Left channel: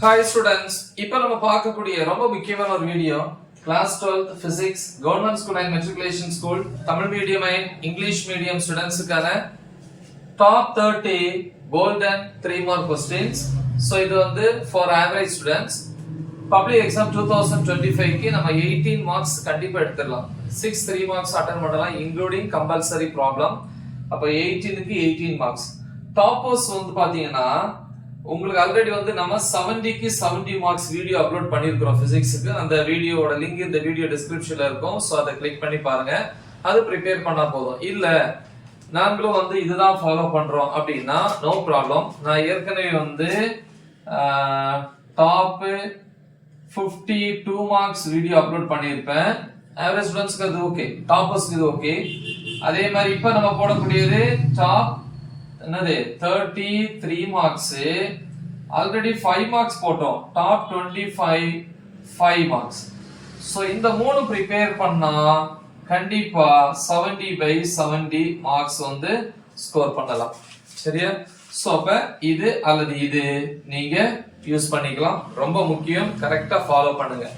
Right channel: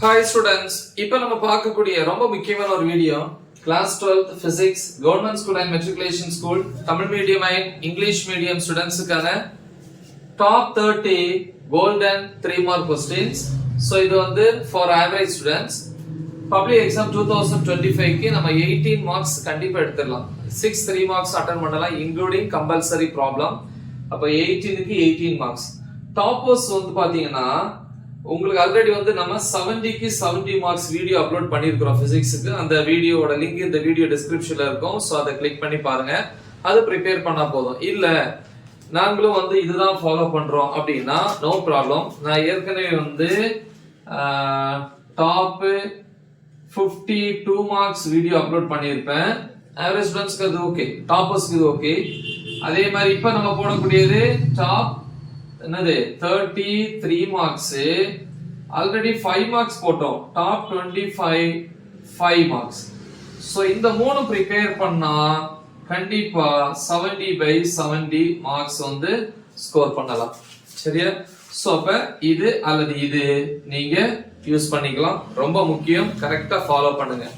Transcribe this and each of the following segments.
Hi students, இப்போ நம்ம பார்க்கக்கூடிய ரொம்ப முக்கியமான ஒரு video class 12th physics government school and matriculation school Tamil medium and English medium ஸ்டூடண்ட்ஸ்க்கான top 30 golden 3 mark questions. So இது வந்து for average students public exam 2025 க்கு நம்ம 18 marks கண்டிப்பா எடுத்துடலாம். 6 3 marks அட்டெண்ட் பண்ணலாம் including compulsory problem. அப்ப 18 க்கு 18 marks. டாப்பர்ஸ் வந்து பாத்தீங்கன்னா உங்களுக்கு ஆல்ரெடி வந்து நம்ம 70 க்கு 70 மார்க்ஸ் வீடியோ அப்லோட் பண்ணிருக்கோம் பிசிக்ஸ்க்கு. அந்த வீடியோவோட லிங்க் இந்த வீடியோ டிஸ்கிரிப்ஷன்ல இருக்கும். சோ அதை கிளிக் பண்ணி பாருங்க. அது ப்ரிப்பேர் பண்ணா போதும். இல்ல நாங்களும் வந்து இதுதான் ஃபாலோ பண்றோம் அப்படின்னா நோ ப்ராப்ளம். நான் ஏற்கனவே வந்து டாப் 52 மார்க்ஸ் வீடியோ அப்லோட் பண்ணியிருப்பேன். ஆவரேஜ் ஸ்டூடண்ட்ஸ்க்கு அது ஓகே, டாப்பர்ஸ்க்கு இது ஓகே. அதே மாதிரி இப்ப நம்ம போடக்கூடியது டாப் என்னது 33 மார்க்ஸ். ஆல்ரெடி 5 மார்க்ஸ் போட்டோம். Top 25 5 marks. சோ இந்த மூணு ப்ரிப்பேர் பண்ணா கண்டிப்பா 70/70 மார்க்ஸ் வந்து ஸ்கோர் பண்ணலாம். சரியா? சோ அப்ப இது அல்லது இது நீங்க யூஸ் பண்ணிக்கலாம். ரொம்ப முக்கியம், கரெக்டா ஃபாலோ பண்ணுங்க.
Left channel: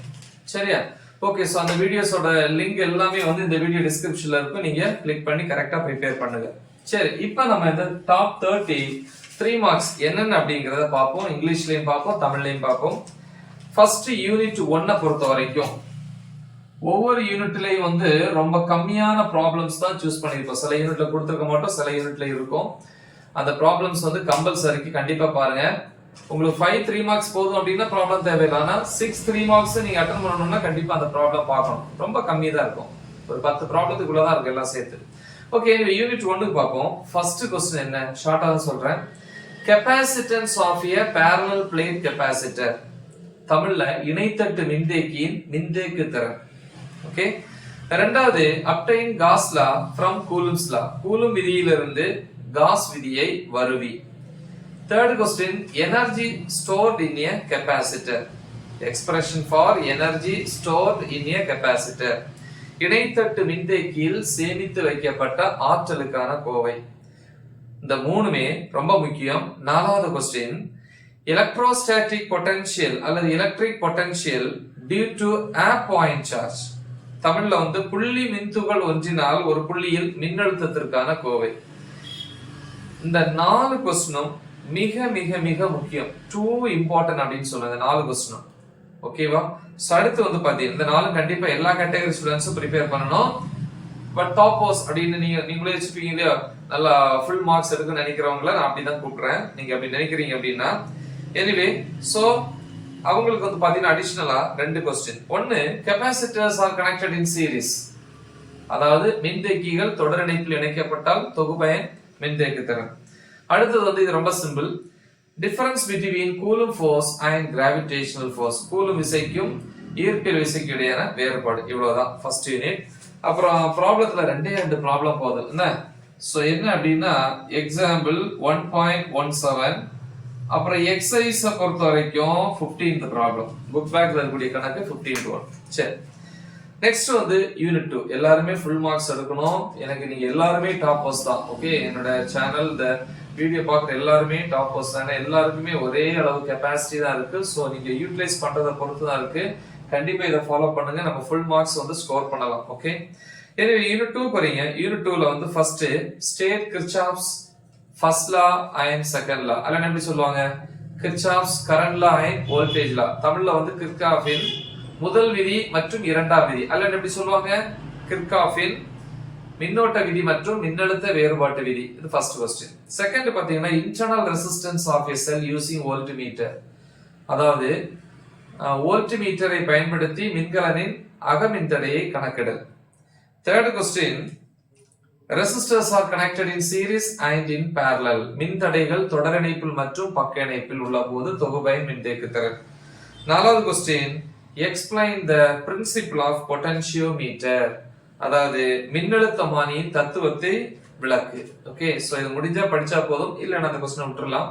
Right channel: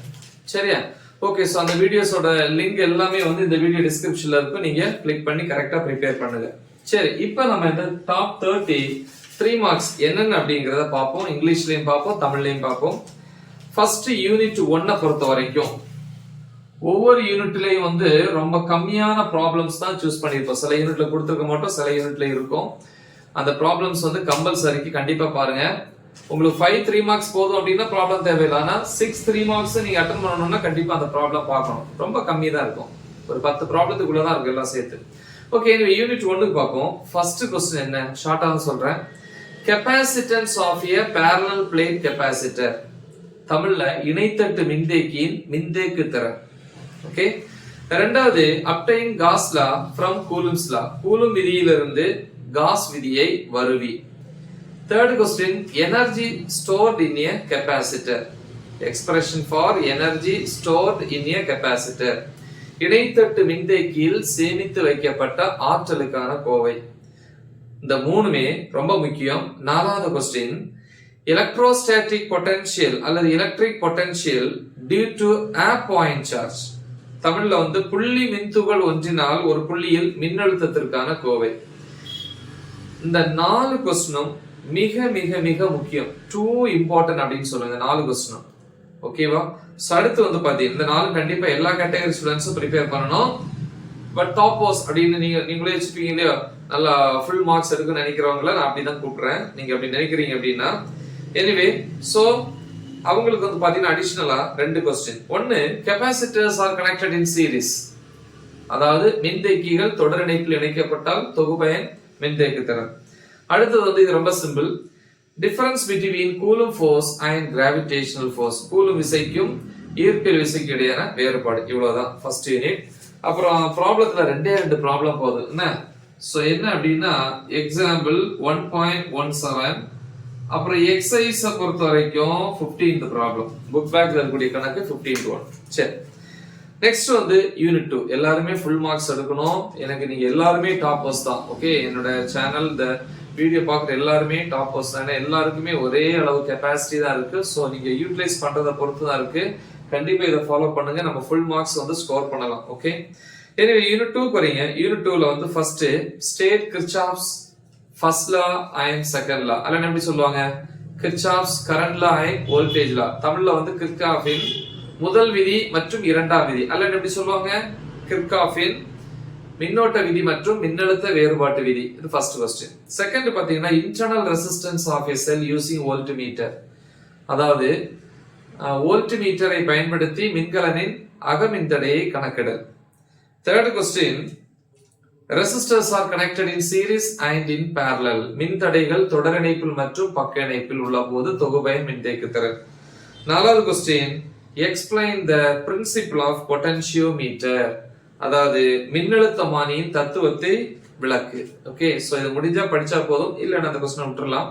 சரியா? ஓகே, சோ அந்த வீடியோஸோட லிங்க் எல்லாமே வந்து இந்த வீடியோ டிஸ்கிரிப்ஷன்ல இருக்கும். நீங்க கிளிக் பண்ணி கரெக்டா ப்ரிப்பேர் பண்ணுங்க. சரி, இப்போ நம்ம இந்த டாப் 33 மார்க்ஸ் என்னென்ன அப்படிங்கறத பார்ப்போம். இங்கிலீஷ்லயும் பார்ப்போம், தமிழ்லயும் பார்ப்போம். ஃபர்ஸ்ட் யூனிட் 1 பொறுத்த வரைக்கும் ஒவ்வொரு யூனிட்லயும் வந்து ரொம்ப கம்மியான ப்ராப்ளம்ஸ் தான் சூஸ் பண்ணிருப்போம். சில யூனிட்ல கொடுத்துருக்க மாட்டோம், சில யூனிட்ல இருக்கும். அந்த ப்ராப்ளம்ஸ் வந்து கம்பல்சரிக்கு கண்டிப்பா பாருங்க. உங்களுக்கு 5 3 மார்க்ஸ் போதும் அப்படின்னா ப்ராப்ளம் தேவையில்லை. ஆனா 6 3 மார்க்ஸ் நீங்க அட்டெண்ட் பண்ணணும்னா கண்டிப்பா அந்த ப்ராப்ளம் பார்க்கணும். ரொம்ப கம்மி தான் இருக்கும், ஒரு 10 ப்ராப்ளத்துக்குள்ளதான் இருக்கு எல்லாம் சேர்த்து. ஓகே, இந்த யூனிட் 1க்கு பார்ப்போம். ஃபர்ஸ்ட் क्वेश्चन என்ன, ஷார்ட்டா தான் சொல்றேன். Capacitance of a parallel plate capacitor. தமிழ்ல இணைத்தட்டு மின்தேக்கியின் மின்தேக்கு திறன். ஓகே. இரண்டாவது obtain Gauss law from Coulomb's law. Coulomb விதியிலிருந்து காஸ் விதியை வருவி. Third question energy stored in a capacitor. Expression for energy stored in a capacitor. இணைத்தட்டு மின்தேக்கியில் சேமித்து வைக்கப்பட்ட ஆற்றலுக்கான கோவை. இந்த மூணுமே ரொம்ப முக்கியம். நாலாவது क्वेश्चन எலக்ட்ரோஸ்டாட்டிக் பொட்டன்ஷியல் அல்லது electric potential due to a point charge. தமிழ்ல வந்து புள்ளி மின்துகள் ஒன்றினால் ஒரு புள்ளியில் மின்னழுத்தத்திற்கான கோவை. இந்த 4 क्वेश्चனும் மிக மிக மிக முக்கியம். டூ இம்பார்ட்டன்ட் அப்படின்னு சொல்லுங்க 4 क्वेश्चனும். ஓகேவா? சோ அடுத்து வந்து பாத்தீங்க இந்த 4 கண்டிப்பா எல்லா கேட்டகரி ஸ்டூடண்ட்ஸும் ப்ரிப்பேர் பண்ணணும். பட் டாப்பர்ஸ் அப்படின்னு நீங்களே வச்சுப்பீங்க இல்லையா, நல்லா ஃபுல் மார்க்ஸ் எடுக்கணும்னு நினைக்கிறவங்கள நான் அப்படிதான் கூப்பிடுறேன். நீங்க அப்படி நினைக்கிறீங்க அப்படின்னா எனிவே, சோ அவங்களுக்கு வந்து பாத்தீங்கன்னா அடிஷனலா 2 क्वेश्चन. ஒன்னு, capacitors R connected in series. அதாவது மின்தேக்கிகள் தொடர் இணைப்பில் இணைக்கப்பட்டால் தொகுபயன் மின்தேக்கு திறன். அடுத்தது வந்து இது ரொம்ப simple. Difference between Coulomb force and gravitational force. Coulomb விசைக்கும் ஈர்ப்பியல் விசைக்கும் இடையான வேறுபாடு. இவ்வளவுதான் ஃபர்ஸ்ட் யூனிட். அப்புறம் ப்ராப்ளத்துல 2 ப்ராப்ளம் போகுது. என்ன சோ என்ன அப்படின்னா எக்ஸாம்பிள் 1.17. அப்புறம் எக்ஸசைஸ் பொறுத்த வரைக்கும் 15th ப்ராப்ளம். புக் பேக்ல இருக்கக்கூடிய கணக்கு 15:1. சரி, நெக்ஸ்ட் வந்து யூனிட் 2. எல்லாருமே ஃபுல் மார்க்ஸ் எடுக்கணும். எனக்கு நீங்க எல்லாருமே டாப்பர்ஸ் தான். ஓகே, என்னோட சேனல் இந்த வீடியோ பார்க்குற எல்லாருமே டாப்பர்ஸ் தான். எல்லாருக்குமே ஒரே அளவு கெபாசிட்டி தான் இருக்கு. ஸோ நீங்க யூட்டிலைஸ் பண்றதை பொறுத்து தான் இருக்கு. கண்டிப்பா இதை ஃபாலோ பண்ணுங்க, நம்ம ஃபுல் மார்க்ஸ் வந்து ஸ்கோர் பண்ணலாம். ஓகே, எனவே யூனிட் 2 வரீங்க. யூனிட் 2ல வந்து first state Kirchhoff's first law and second law. அல்ல எப்படி சொல்லுவாங்க, Kirchhoff's current law and voltage law. தமிழ்ல வந்து கிர்ச்சாஃபின் முதல் விதி மற்றும் இரண்டாம் விதி. அல்ல எப்படி சொல்லுவாங்க, கிர்ச்சாஃபின் மின்னோட்ட விதி மற்றும் மின்னழுத்த வேறுபாட்டு விதி. இது ஃபர்ஸ்ட் क्वेश्चन. செகண்ட் பாத்தீங்கன்னா internal resistance of a cell using voltmeter. அதாவது வோல்ட்மீட்டரை பயன்படுத்தி மின்கலனின் அகமின்தடையை கணக்கிடல். Third question resistors are connected in series and in parallel. மின்தடைகள் தொடர் இணைப்பில் மற்றும் பக்க இணைப்பில் உள்ள போது தொகுபயன் மின்தேக்கு திறன். நாலாவது question explain the principle of potentiometer. அதாவது மின்னழுத்தமானியின் தத்துவத்தை விளக்கு. ஓகே, சோ இது முடிஞ்சா படிச்சா போதும், இல்ல அந்த क्वेश्चन விட்டுறலாம்.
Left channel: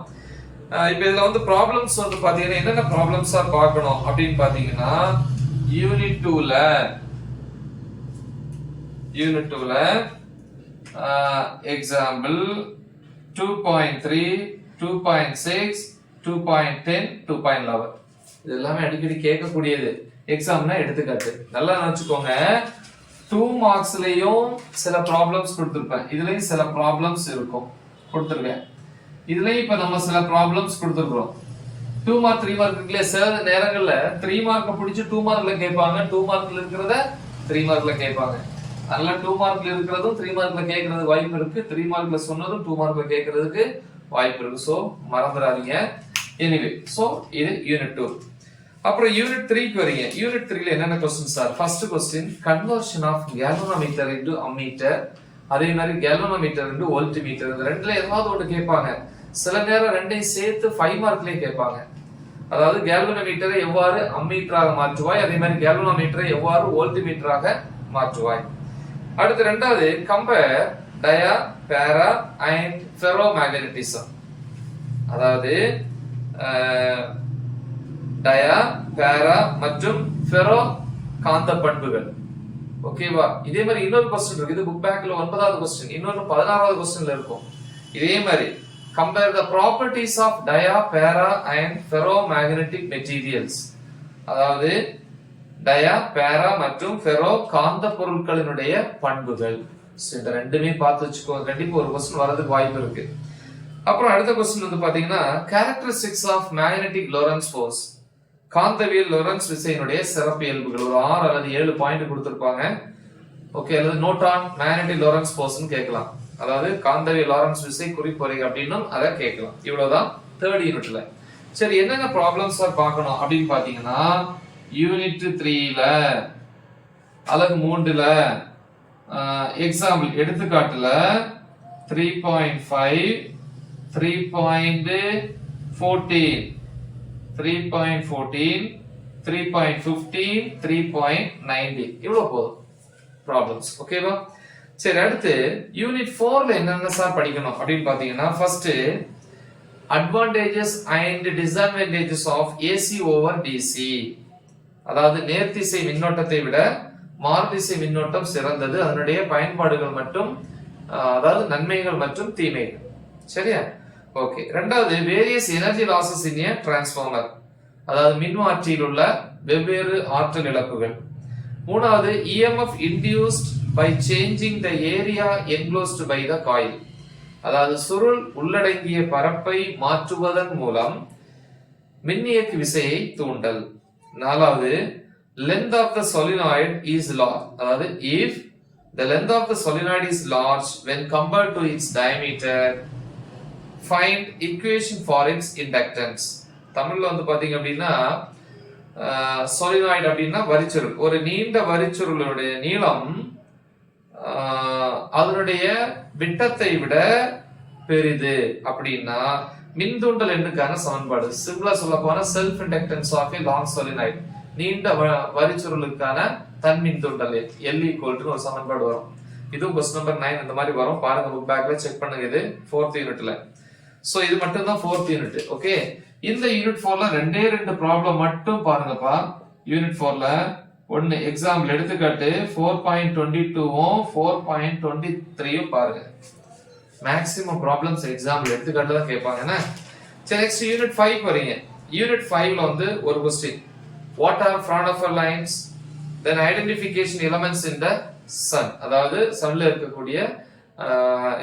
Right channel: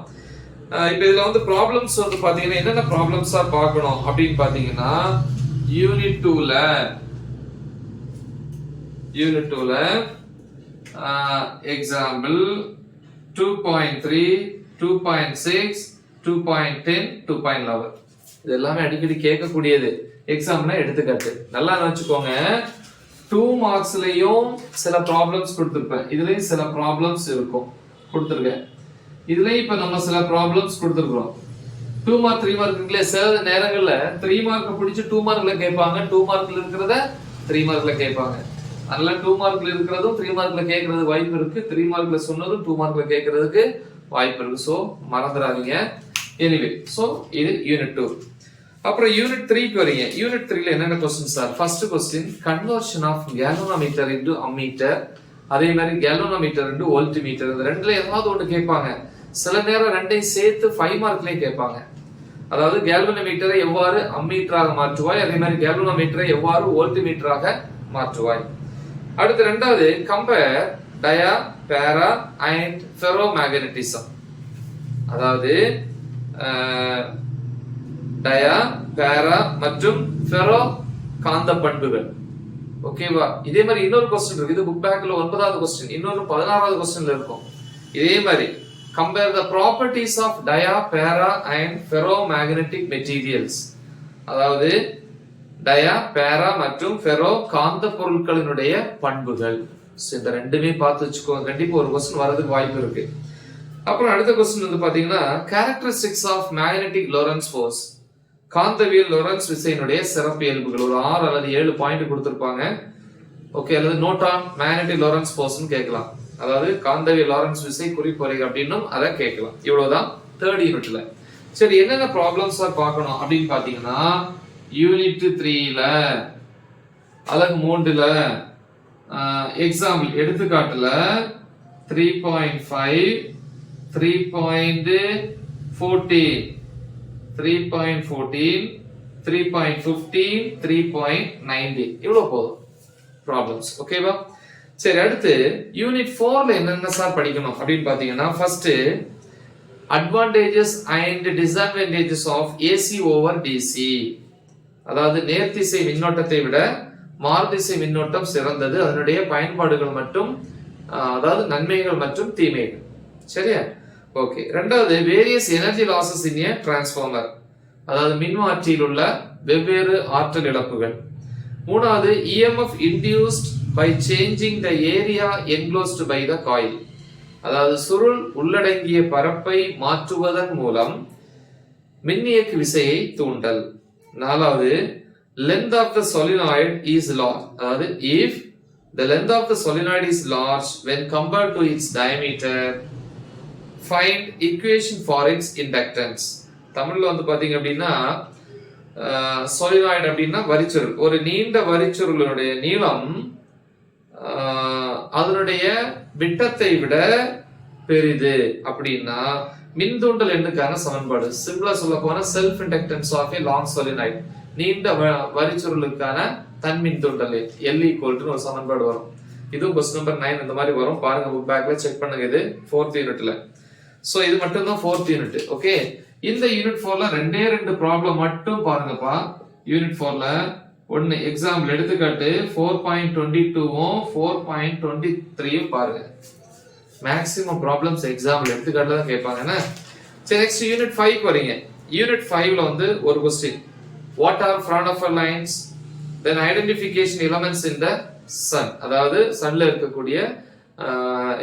இப்போ இதுல வந்து ப்ராப்ளம்ஸ் வந்து பாத்தீங்கன்னா என்னென்ன ப்ராப்ளம்ஸா பார்க்கணும் அப்படின்னு பாத்தீங்கன்னா யூனிட் 2ல எக்ஸாம்பிள் 2.3, 2.6, 2.10, 2.11. இது எல்லாமே அடிக்கடி கேட்கக்கூடியது. எக்ஸாம்னா எடுத்துக்காட்டு. நல்லா நினைச்சுக்கோங்க. 2 மார்க்ஸ்லயும் சில ப்ராப்ளம்ஸ் கொடுத்திருப்பேன். இதுலயும் சில ப்ராப்ளம்ஸ் இருக்கும் கொடுத்திருக்கேன். இதுலயும் இப்ப நம்ம சில ப்ராப்ளம்ஸ் கொடுத்திருக்கிறோம். 2 மார்க் 3 மார்க் இருக்குல்ல, சில நேரங்கள்ல 3 மார்க்க பிடிச்சு 2 மார்க்ல கேட்பாங்க. 2 மார்க்ல இருக்கிறத 3 மார்க்ல கேட்பாங்க. அதனால 2 மார்க்ல இருக்கிறதும் 3 மார்க்ல கேட்கறதுக்கு வாய்ப்பு இருக்கு. 3 மார்க்ல சொன்னதும் 2 மார்க்ல கேட்கறதுக்கு வாய்ப்பு இருக்கு. சோ மறந்துடாதீங்க. எனிவே, சோ இது யூனிட் 2. அப்புறம் யூனிட் 3க்கு வரீங்க. யூனிட் 3ல என்னென்ன क्वेश्चंस சார்? First question conversion of galvanometer into ammeter, அதே மாதிரி கேல்வனோமீட்டர் இன்டு வோல்ட்மீட்டர். இந்த ரெண்டுல ஏதாவது ஒன்று கேட்பாங்க. சில நேரம் ரெண்டையும் சேர்த்து 5 மார்க்லயே கேட்பாங்க. அதாவது கேல்வனோமீட்டரை எவ்வாறு அம்மீட்டராக மாற்றுவாய், அதே மாதிரி கேல்வனோமீட்டரை எவ்வாறு வோல்ட்மீட்டராக மாற்றுவாய். அடுத்து ரெண்டாவது கம்பேர் டயா, பேரா அண்ட் ஃபெரோமேக்னெட்டிசம். அதாவது டயா, பேரா மற்றும் ஃபெரோ காந்த பண்புகள். ஓகேவா? இதே மாதிரி இன்னொரு क्वेश्चन இருக்கு. இது புக் பேக்ல 9வது क्वेश्चन, இன்னொரு 16வது क्वेश्चनல இருக்கும். இதே மாதிரி compare the properties of dia, para and ferromagnetic materials. அதாவது டயா, பேரா மற்றும் ஃபெரோ காந்த பொருட்களினுடைய பண்புகள். இந்த ரெண்டுமே பார்த்து வச்சுக்கோங்க. கண்டிப்பா ஒரு क्वेश्चन வரதுக்கு வாய்ப்பு இருக்கு. அப்புறம் அடுத்த क्वेश्चन வந்து பாத்தீங்கன்னா characteristics of magnetic Lorentz force. காந்தவியல் லொரன்ஸ் விசையினுடைய சிறப்பு இயல்புகள். ஒரு 6 அல்லது 7 பாயிண்ட் கொடுத்திருப்பாங்க. ஓகே, அல்லது நோட் ஆன் மேக்னெட்டிக் லொரன்ஸ் ஃபோர்ஸ்னு கேட்கலாம். அதாவது காந்தவியல் லாரன்ஸ் விசை குறிப்பொறை அப்படின்னும் அதை கேட்கலாம். இவ்வளவுதான் 3rd யூனிட்ல. சரி, என்னென்ன ப்ராப்ளம்ஸ் பார்க்கணும் அப்படின்னு பாத்தீங்கன்னா யூனிட் 3ல அலகு 3ல எக்ஸாம்பிள் எடுத்துக்காட்டுல 3.5, 3.14, 3.14, 3.15, 3.90 இவ்வளவு போதும் ப்ராப்ளம்ஸ். ஓகேவா? சரி, அடுத்து யூனிட் 4ல என்னென்ன சார் படிக்கணும் அப்படின்னு பாத்தீங்கன்னா first advantages and disadvantages of AC over DC. அதாவது நேர்திசை மின்னோட்டத்தை விட மாறுதிசை மின்னோட்டம் சிறந்தது, அதனுடைய பயன்பாடுகள் மற்றும் அதாவது நன்மைகள் மற்றும் தீமைகள். சரியா? ஓகே. ரெண்டாவது வேரியஸ் எனர்ஜி லாசஸ் இன் ஏ டிரான்ஸ்ஃபார்மர், அதாவது மின்மாற்றியில் உள்ள வெவ்வேறு ஆற்றல் இழப்புகள். மூணாவது EMF induced by changing the area enclosed by the coil, அதாவது சுருள் உள்ளடங்கிய பரப்பை மாற்றுவதன் மூலம் மின்னியக்கு விசையை தூண்டல். நாலாவது length of the solenoid is large, அதாவது if the length of the solenoid is large when compared to its diameter, find equation for its inductance. தமிழ்ல வந்து பாத்தீங்க அப்படின்னா solenoid அப்படின்னா வரிச்சுருள். ஒரு நீண்ட வரிச்சுருளுடைய நீளம் அதனுடைய விட்டத்தை விட பெரிது அப்படின்னா மின்தூண்டல் எண்ணுக்கான சமன்பாடு. சிம்பிளா சொல்ல போனா self inductance of a long solenoid, நீண்ட வரிச்சுருளுக்கான தன் மின்தூண்டல் L ஈக்குவல் ஒரு சமன்பாடு வரும். இதுவும் क्वेश्चन நம்பர் 9 இந்த மாதிரி வரும். பாருங்க புக் பேக்ல செக் பண்ணுங்க. இது 4th யூனிட்ல. சோ இது மட்டும் தான் 4th யூனிட். ஓகே, இந்த யூனிட் 4ல ரெண்டே ரெண்டு ப்ராப்ளம் மட்டும் பாருங்கப்பா. யூனிட் 4ல ஒன்னு எக்ஸாம்பிள் எடுத்துக்காட்டு 4.22ம் 4.23ம் பாருங்க. மேக்ஸிமம் ப்ராப்ளம்ஸ் எக்ஸாம்பிள் எடுத்துக்காட்டுல தான் கேட்பாங்க என்ன. சரி, நெக்ஸ்ட் யூனிட் 5 வரீங்க. யூனிட் 5ல வந்து ஒரு question, what are Fraunhofer lines, then identification elements in the sun, அதாவது சன்ல இருக்கக்கூடிய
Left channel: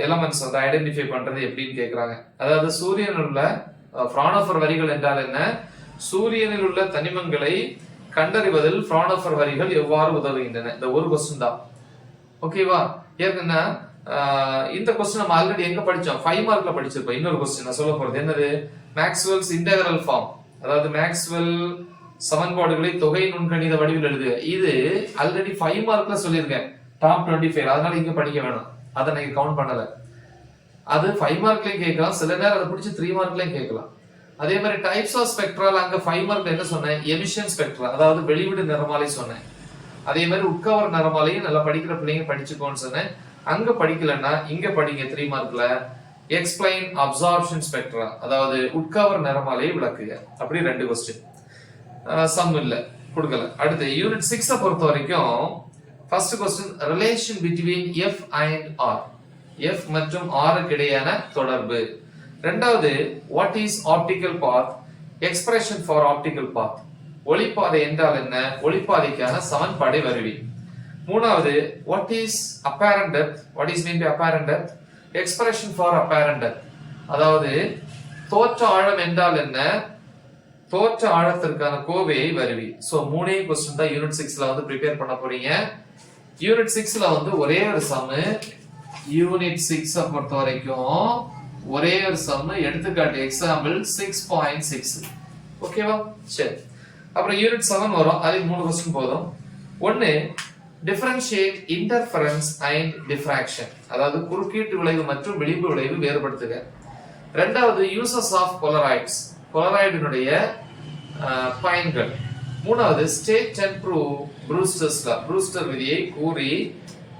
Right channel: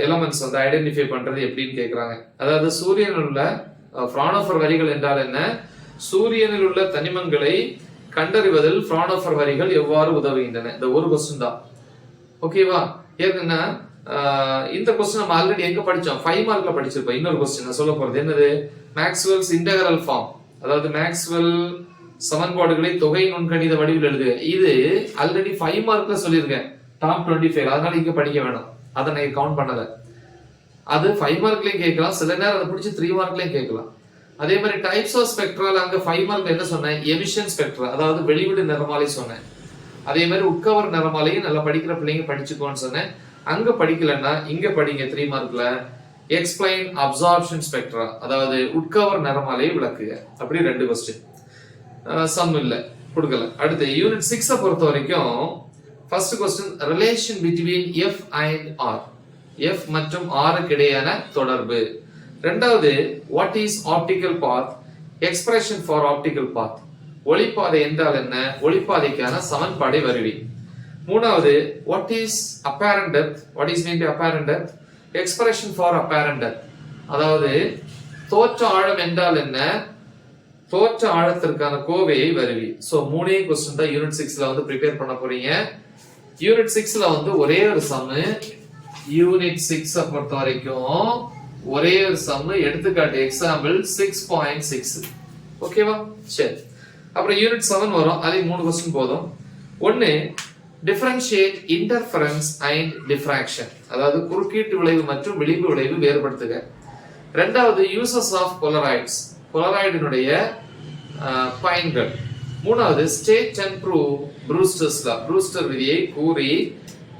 எலமெண்ட்ஸ் வந்து ஐடென்டிஃபை பண்றது எப்படின்னு கேக்குறாங்க. அதாவது சூரியனில் உள்ள Fraunhofer வரிகள் என்றால் என்ன, சூரியனில் உள்ள தனிமங்களை கண்டறிவதில் Fraunhofer வரிகள் எவ்வாறு உதவுகின்றன, இந்த ஒரு क्वेश्चन தான். ஓகேவா? ஏன்னா இந்த क्वेश्चन நம்ம ஆல்ரெடி எங்க படிச்சோம், 5 மார்க்ல படிச்சிருப்போம். இன்னொரு क्वेश्चन நான் சொல்ல போறது என்னது, மேக்ஸ்வெல்ஸ் இன்டெகிரல் ஃபார்ம், அதாவது மேக்ஸ்வெல் சமன்பாடுகளை தொகை நுண்கணித வடிவில் எழுதுக. இது ஆல்ரெடி 5 மார்க்ல சொல்லியிருக்கேன், டாப் 25. அதனால இங்க படிக்க வேணாம், அதை நான் கவுண்ட் பண்ணல. அது 5 மார்க்லயும் கேட்கலாம், சில நேரம் அதை பிடிச்சி 3 மார்க்லயும் கேட்கலாம். அதே மாதிரி டைப்ஸ் ஆஃப் ஸ்பெக்ட்ரல் அங்க 5 மார்க்ல என்ன சொன்னேன், எமிஷன் ஸ்பெக்ட்ரா, அதாவது வெளிவிடு நிறமாலை சொன்னேன். அதே மாதிரி உட்கவர் நிறமாலையும் நல்லா படிக்கிற பிள்ளைங்க படிச்சுக்கோன்னு சொன்னேன். அங்க படிக்கலன்னா இங்க படிங்க 3 மார்க்ல. எக்ஸ்பிளைன் அப்சார்ப்ஷன் ஸ்பெக்ட்ரா, அதாவது உட்கவர் நிறமாலையை விளக்குக. அப்படி 2 क्वेश्चन. சம் இல்ல கொடுக்கல. அடுத்து யூனிட் 6 பொறுத்த வரைக்கும் first question, relation between F and R, F மற்றும் R க்கு இடையான தொடர்பு. ரெண்டாவது what is optical path, expression for optical path, ஒளிப்பாதை என்றால் என்ன, ஒளிப்பாதைக்கான சமன்பாடை வருவி. மூணாவது what is apparent depth, what is mean by apparent depth, expression for apparent depth, அதாவது தோற்ற ஆழம் என்றால் என்ன, தோற்ற ஆழத்திற்கான கோவையை வருவி. சோ மூணே क्वेश्चन தான் யூனிட் 6ல வந்து ப்ரிப்பேர் பண்ண போறீங்க. யூனிட் 6ல வந்து ஒரே ஒரு சம், யூனிட் 6 பொறுத்த வரைக்கும் ஒரே ஒரு சம், எடுத்துக்காட்டு எக்ஸாம்பிள் 6.6. ஓகேவா? சரி, அப்புறம் யூனிட் 7 வரும், அதுக்கு 3 क्वेश्चन போதும். ஒன்னு டிஃபரன்ஷியேட் இன்டர்ஃபரன்ஸ் அண்ட் டிஃப்ராக்ஷன், அதாவது குறுக்கீட்டு விளைவு மற்றும் விளிம்பு விளைவு வேறுபடுத்துக. ரெண்டாவது யூசஸ் ஆஃப் போலராய்ட்ஸ், போலராய்டினுடைய பயன்கள். மூணாவது state and prove Brewster's law, Brewster விதியை கூறி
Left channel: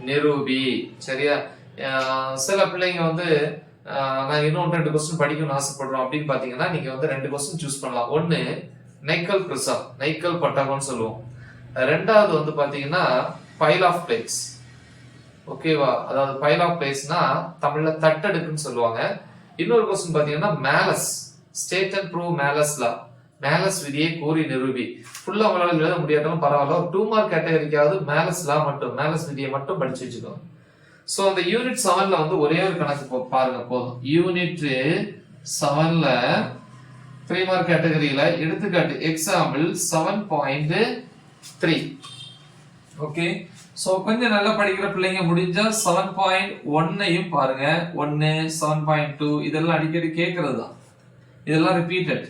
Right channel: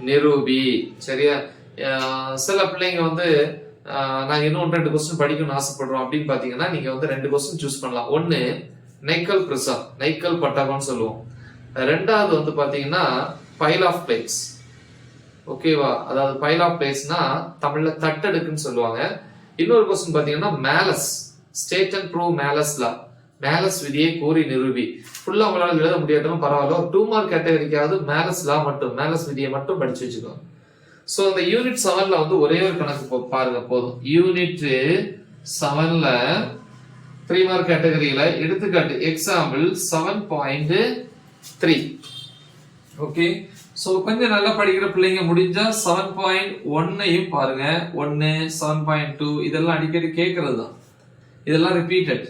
நிரூபி. சரியா? சில பிள்ளைங்க வந்து நாங்க இன்னும் 2 क्वेश्चन படிக்கணும்னு ஆசைப்படுறோம் அப்படின்னு பாத்தீங்கன்னா நீங்க வந்து 2 क्वेश्चन சூஸ் பண்ணலாம். ஒன்னு நைக்கல் பிரிசம், நைக்கல் பட்டகம்னு சொல்லுவோம். ரெண்டாவது வந்து பாத்தீங்கன்னா பைல் ஆஃப் பிளேட்ஸ். ஓகேவா? அதாவது பைல் ஆஃப் பிளேட்ஸ்னா தமிழ்ல தட்டடுக்குன்னு சொல்லுவாங்க. இன்னொரு क्वेश्चन பாத்தீங்கன்னா Melas, state and prove Melas law, Melas விதியை கூறி நிரூபி. ஃபுல்லா உங்களால எழுத முடியாட்டாலும் பரவாயில்ல, 2 மார்க் கேட்டகரிக்காவது மேலஸ் லா மட்டும், மேலஸ் விதியை மட்டும் படிச்சு வச்சுக்கோங்க. சோ அந்த யூனிட் 7ல வந்து ஒரே ஒரு கணக்கு பாருங்க போதும். யூனிட் 7ல 3 மார்க் கேட்டகரியில எடுத்துக்காட்டு எக்ஸாம்பிள் 7.3. ஓகே, சோ கொஞ்சம் நல்லா படிக்கிற பிள்ளைங்க முடிஞ்சா 7.1ஐயும் பாருங்க. 1, 7.2 இதெல்லாம் அடிக்கடி கேட்கறது தான், இதெல்லாம் ரிப்பீட்டட்,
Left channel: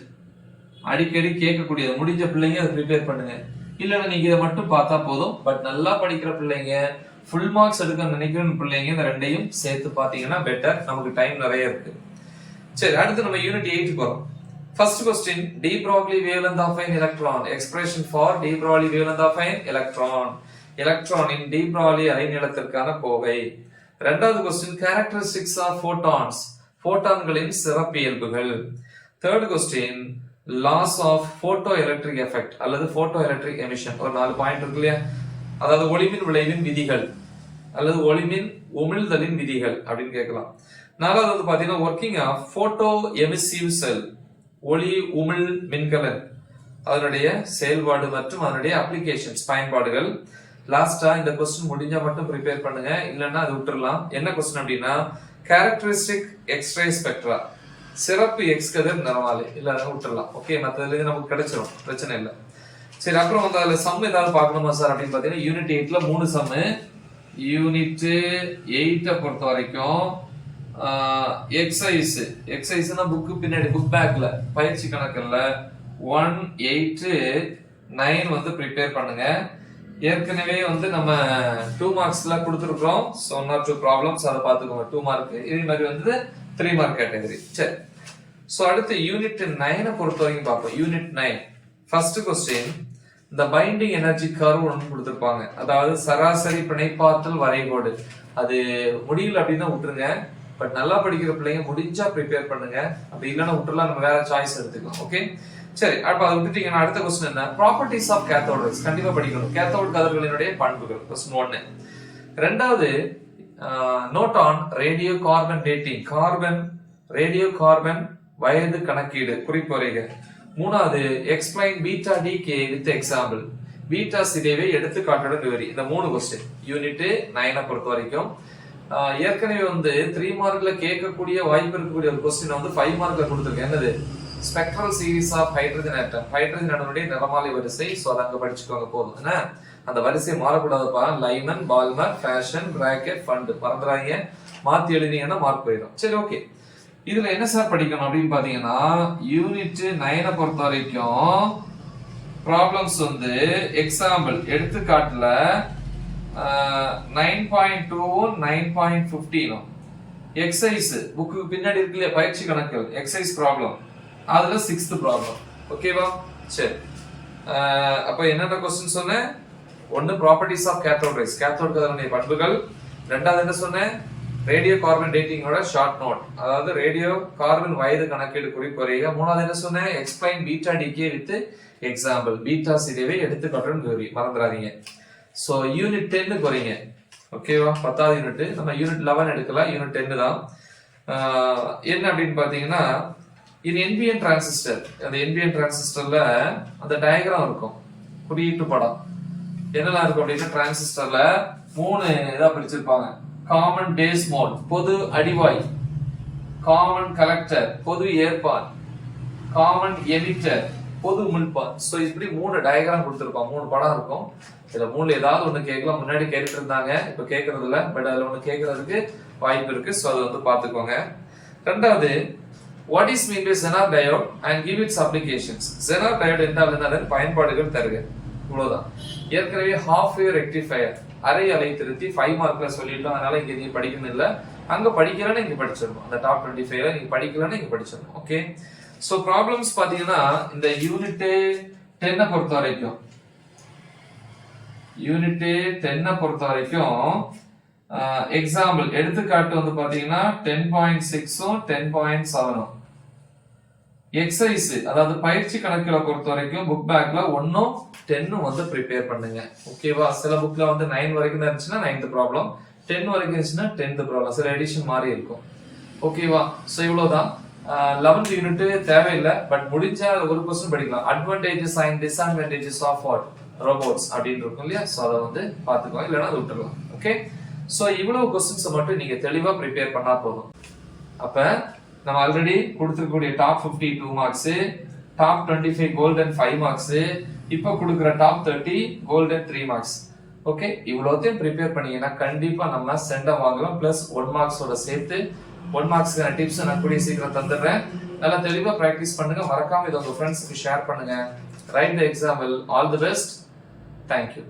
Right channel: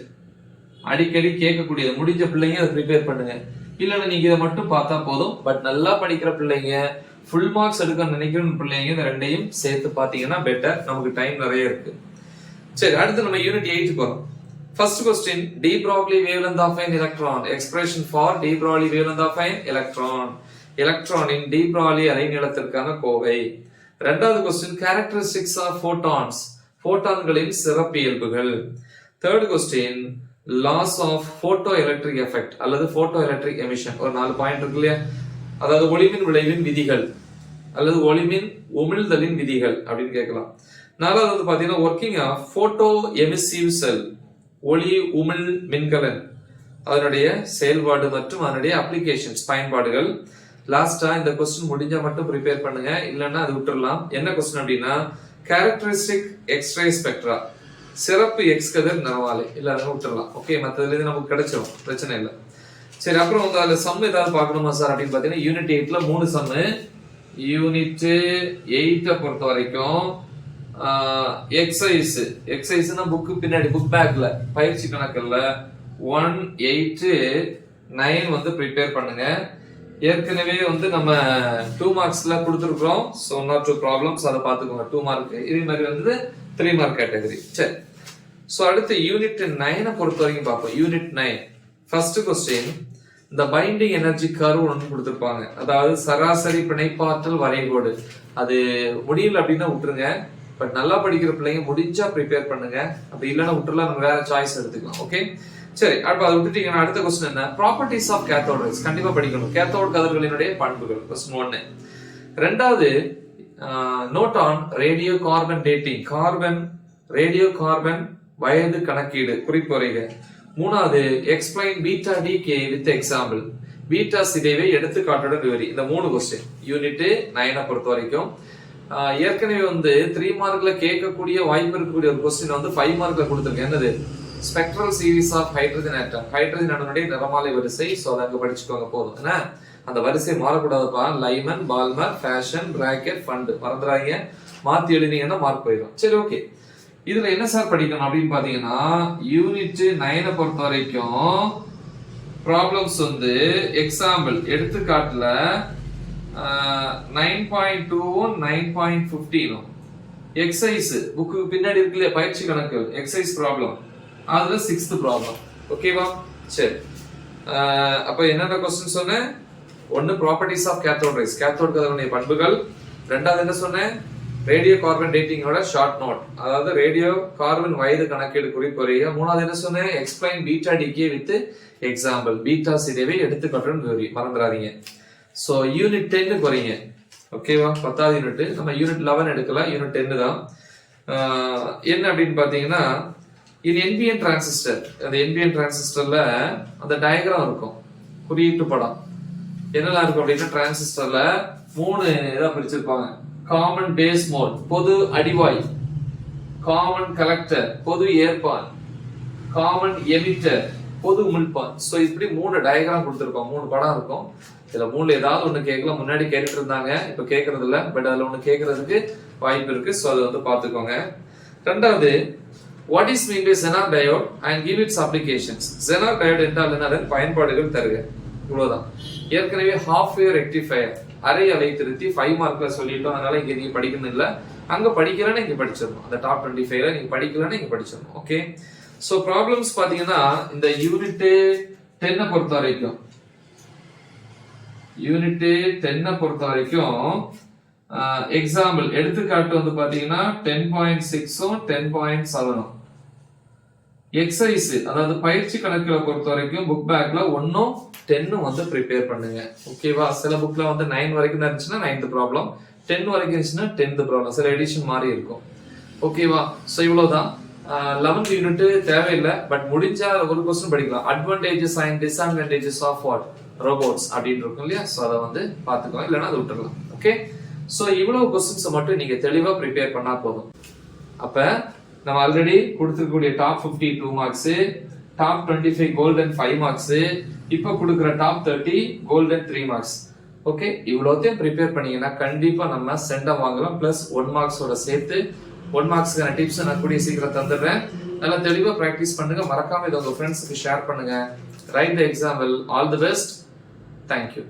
அடிக்கடி கேட்கக்கூடியது. முடிஞ்ச பிள்ளைங்க அதை ப்ரிப்பேர் பண்ணுங்க. இல்லைன்னா நீங்க இதை மட்டும் பார்த்தா போதும். பட் நல்லா படிக்கிற பிள்ளைங்க, ஃபுல் மார்க்ஸ் எடுக்க நினைக்கிற பிள்ளைங்க இந்த ரெண்டையும் சேர்த்து பாத்தீங்கன்னா பெட்டர், நமக்கு டைம் நிறைய இருக்கு. சரி, அடுத்து நம்ம யூனிட் 8க்கு வரோம். First question, de Broglie wavelength of an electron, expression for de Broglie wavelength of an electron, எலக்ட்ரானின் de Broglie அலைநீளத்திற்கான கோவை. இரண்டாவது question, characteristics of photons, போட்டான்களின் சிறப்பியல்புகள். Third question, laws of photoelectric effect அல்லது photoelectric emission. ஒரு 4 point இருக்கு இல்லையா, அதாவது ஒளிமின் விளைவின் விதிகள் அல்லது ஒளிமின் உமிழ்தலின் விதிகள் அப்படின்னு கேட்கலாம். நாலாவது வந்து பாத்தீங்கன்னா ஒர்க்கிங் ஆஃப் போட்டோ எமிசிவ் செல், ஒளி உமிழ் மின்கலன், அதனுடைய செயல்பாடு மற்றும் அதனுடைய அப்ளிகேஷன்ஸ், பயன்பாடுகள். லாஸ்டா இந்த கொஸ்டின் முடிஞ்சா மட்டும் ப்ரிப்பேர் பண்ணுங்க, இல்லைன்னா அது விட்டுறலாம். என்ன கொஸ்டின் அப்படின்னா கேரக்டரிஸ்டிக் எக்ஸ்ரே ஸ்பெக்ட்ரா, சிறப்பு எக்ஸ் கதிர் நிறமாலை, இல்ல அதை விட்டுறலாம். ஓகே, மற்றதுல இருந்து நமக்கு கிடைச்சிடும், பிரச்சனை இல்லை. சரி, அப்புறம் வந்து அதுல சம் ஏதாவது பார்க்கணுமா சார் அப்படின்னு பாத்தீங்கன்னா யூனிட் 8ல 3 சம். யூனிட் 8 பொறுத்த வரைக்கும் எக்ஸசைஸ்னா புக்கு பின்னாடி புக் பேக்ல பயிற்சி கணக்குல 1, 8, 9 வந்து ப்ரிப்பேர் பண்ணுங்க. ஏற்கனவே வந்து நம்ம 2 மார்க்ஸ்ல கொடுத்துருக்கோம். ஸோ 1 or 2 ப்ராப்ளம்ஸ் அதை பார்த்துக்கோங்க. 2 மார்க் இதே மாதிரி வந்து 3 மார்க் கேட்டகரி. சரி, ஸோ அடுத்து யூனிட் 9 பொறுத்த வரைக்கும் பார்ப்போம். யூனிட் 9 ஃபர்ஸ்ட் கொஸ்டின், இந்த பைண்டிங் எனர்ஜி கர்வ் ஒன்று கொடுத்துருப்பாங்க, அதாவது சராசரி பிணைப்பாற்றல் வரைகோடு. அது முடியல அப்படின்னா விட்டுருங்க. பட் நல்லா படிக்கிற பிள்ளைங்க முடிஞ்சா ப்ரிப்பேர் பண்ணுங்க, அப்படி இல்லைன்னா விட்டுலாம், நம்ம வேற சாய்ஸ் எடுத்துக்கலாம். ஓகே, சரி, அப்ப அதை விட்டுட்டீங்கன்னா அடுத்த கொஸ்டின் என்ன, ப்ராப்பர்ட்டிஸ் ஆஃப் கேத்தோட் ரேஸ். கண்டிப்பா படிக்கணும், கேத்தோட் கதிர்களினுடைய பண்புகள், கொஸ்டின் 1. ரெண்டாவது note on radio carbon dating, radio carbon வயது கணக்கீடு, குறிப்புரைக. மூணாவது explain beta decay with example, beta சிதைவை எடுத்துக்காட்டுடன் விவரி. இந்த 3 கொஸ்டின் யூனிட் 9 பொறுத்த வரைக்கும். ஏற்கனவே வந்து 3 மார்க்ல கேட்கக்கூடிய வாய்ப்பு இருக்கக்கூடிய ஒரு கொஸ்டின் வந்து 5 மார்க்ல கொடுத்துருக்கேன். என்னது, spectral series of hydrogen atom, hydrogen அணுனுடைய நிறமாலை வரிசை. சோ அதை அங்க படிச்சுக்கோங்க போதும். என்ன, அந்த வரிசை மாறக்கூடாதுப்பா. லைமன், பால்மர், ஃபேஷன், பிராக்கெட், ஃபண்ட் மறந்துடாதீங்க. மாத்தி எழுதினீங்கன்னா மார்க் போயிடும். சரி, ஓகே. இதுல என்ன சார் படிக்கணும் அப்படின்னு பாத்தீங்கன்னா யூனிட் 9 பொறுத்த வரைக்கும் ப்ராப்ளம்ஸ் வந்து எக்ஸாம்பிள் எடுத்துக்காட்டுல 9.2 9.15 எக்ஸசைஸ் புக்கு பின்னாடி இருக்கு இல்லையா, பயிற்சி கணக்கு எக்ஸசைஸ் ப்ராப்ளம், அதுல 6th ப்ராப்ளம். ஓகேவா? சரி, அப்ப என்னென்ன கொஸ்டின் சொன்னேன்? 1 properties of cathode rays, cathode கதிர்களுடைய பண்புகள். ரெண்டாவது என்ன சொன்னேன், ரேடியோ கார்பன் டேட்டிங்கோட ஷார்ட் நோட், அதாவது ரேடியோ கார்பன் வயது கணக்கீடு குறிப்புரைக. மூணாவது என்ன சொன்னேன், explain beta decay with example, beta சிதைவை எடுத்துக்காட்டுடன் விவரி. மறந்துடாதீங்க. சோ யூனிட் 10 வரீங்க. ஓகேவா? 10வது யூனிட். நம்ம யூனிட் 11 எடுக்கலாம், யூனிட் 10 தான். என்ன அப்படின்னு பாத்தீங்கன்னா இது NPN டிரான்சிஸ்டர். அந்த NPN டிரான்சிஸ்டர்ல அந்த டயக்ராம் இருக்கும், குறியீட்டு படம். என்னெல்லாம் இருக்கும் அப்படின்னா டிரான்சிஸ்டர்ல 3 இதா பிரிச்சிருப்பாங்க. காமன் பேஸ் மோட், பொது அடிவாய், காமன் கலெக்டர், பொது ஏற்பான், காமன் எமிட்டர், பொது உமிழ்ப்பான். சோ இப்படி 3 டயக்ராம் கொடுத்திருக்கோம், 3 படம் இருக்கும். இதுல 3ல ஏதாவது ஒண்ணு கேட்கலாம். முன்னாடி கேட்டுட்டு இருந்தாங்க, இப்ப கேட்கறது இல்ல. பட் அதுல ஒண்ணு கேட்கறதுக்கு வாய்ப்பு இருக்கு. சோ அதை வந்து பாத்துக்கோங்க. ரெண்டாவது, what is mean by Zener diode and give its applications. Zener diode என்றால் என்ன, அதன் பயன்பாடுகள் தருக. இவ்வளவுதான். ஏற்கனவே half wave rectifier, அரை அலை திருத்தி 5 மார்க்ல சொல்லிட்டோம். அதனால இங்க நீங்க படிக்கணும் இல்ல, அங்க படிக்கலன்னா இங்க படிச்சிடணும். அந்த டாப் 25ல நீங்க படிக்கலன்னா இங்க படிச்சிடணும். ஓகே. சோ ப்ராப்ளம்ஸ் பாத்தீங்கன்னா இந்த யூனிட் 10 பொறுத்த வரைக்கும், யூனிட் 10 பொறுத்த வரைக்கும் எக்ஸாம்பிள் எடுத்துக்காட்டு வந்து பாத்தீங்கன்னா 10.6 10.7 எக்ஸசைஸ், அதாவது பயிற்சி கணக்குகளை பொறுத்த வரைக்கும் புக் பேக்ல 1 10 வந்து ப்ரிப்பேர் பண்ணுங்க. ஓகேவா? சில புக்ல வந்து 9 வரைக்கும் தான் இருந்துச்சுன்னா 9th ப்ராப்ளம், 10 வரைக்கும் இருந்துச்சுன்னா 10th ப்ராப்ளம். சில எடிஷன் மாதிரி இருக்கும். ஓகேவா? சோ இவ்வளவுதான். 11th யூனிட் தேவையில்லை. பட் முடிஞ்சா ஒரு क्वेश्चन படிக்கலாம். Advantages and disadvantages of what robots அப்படின்னு இருக்கும் இல்லையா? சோ அதை வந்து பாத்துக்கோங்க, இல்லைன்னா அதை விட்டுறலாம். ஓகே. சோ இவ்வளவு क्वेश्चंस மட்டும் நீங்க தெளிவா ப்ரிப்பேர் பண்ணா போதும். அப்ப நம்ம ஆல்ரெடி கொடுத்திருக்கக்கூடிய top 50 2 marks, top 25 golden 5 marks, இப்ப கொடுக்கிற டாப் 30 கோல்டன் 3 மார்க்ஸ். ஓகே. இவ்வளவுத்தையும் ப்ரிப்பேர் பண்ணீங்கன்னா கண்டிப்பா நம்ம சென்டம் வாங்கலாம். பிளஸ் 1 மார்க்ஸோட சேர்த்து 1 மார்க்ஸ்க்கான டிப்ஸ் நான் கூடிய சீக்கிரம் தந்துடுறேன். நல்லா தெளிவா பிராக்டிஸ் பண்ணுங்க. மறக்காம இதை உங்க ஃப்ரெண்ட்ஸுக்கு ஷேர் பண்ணுங்க. Right the example. All the best. Thank you.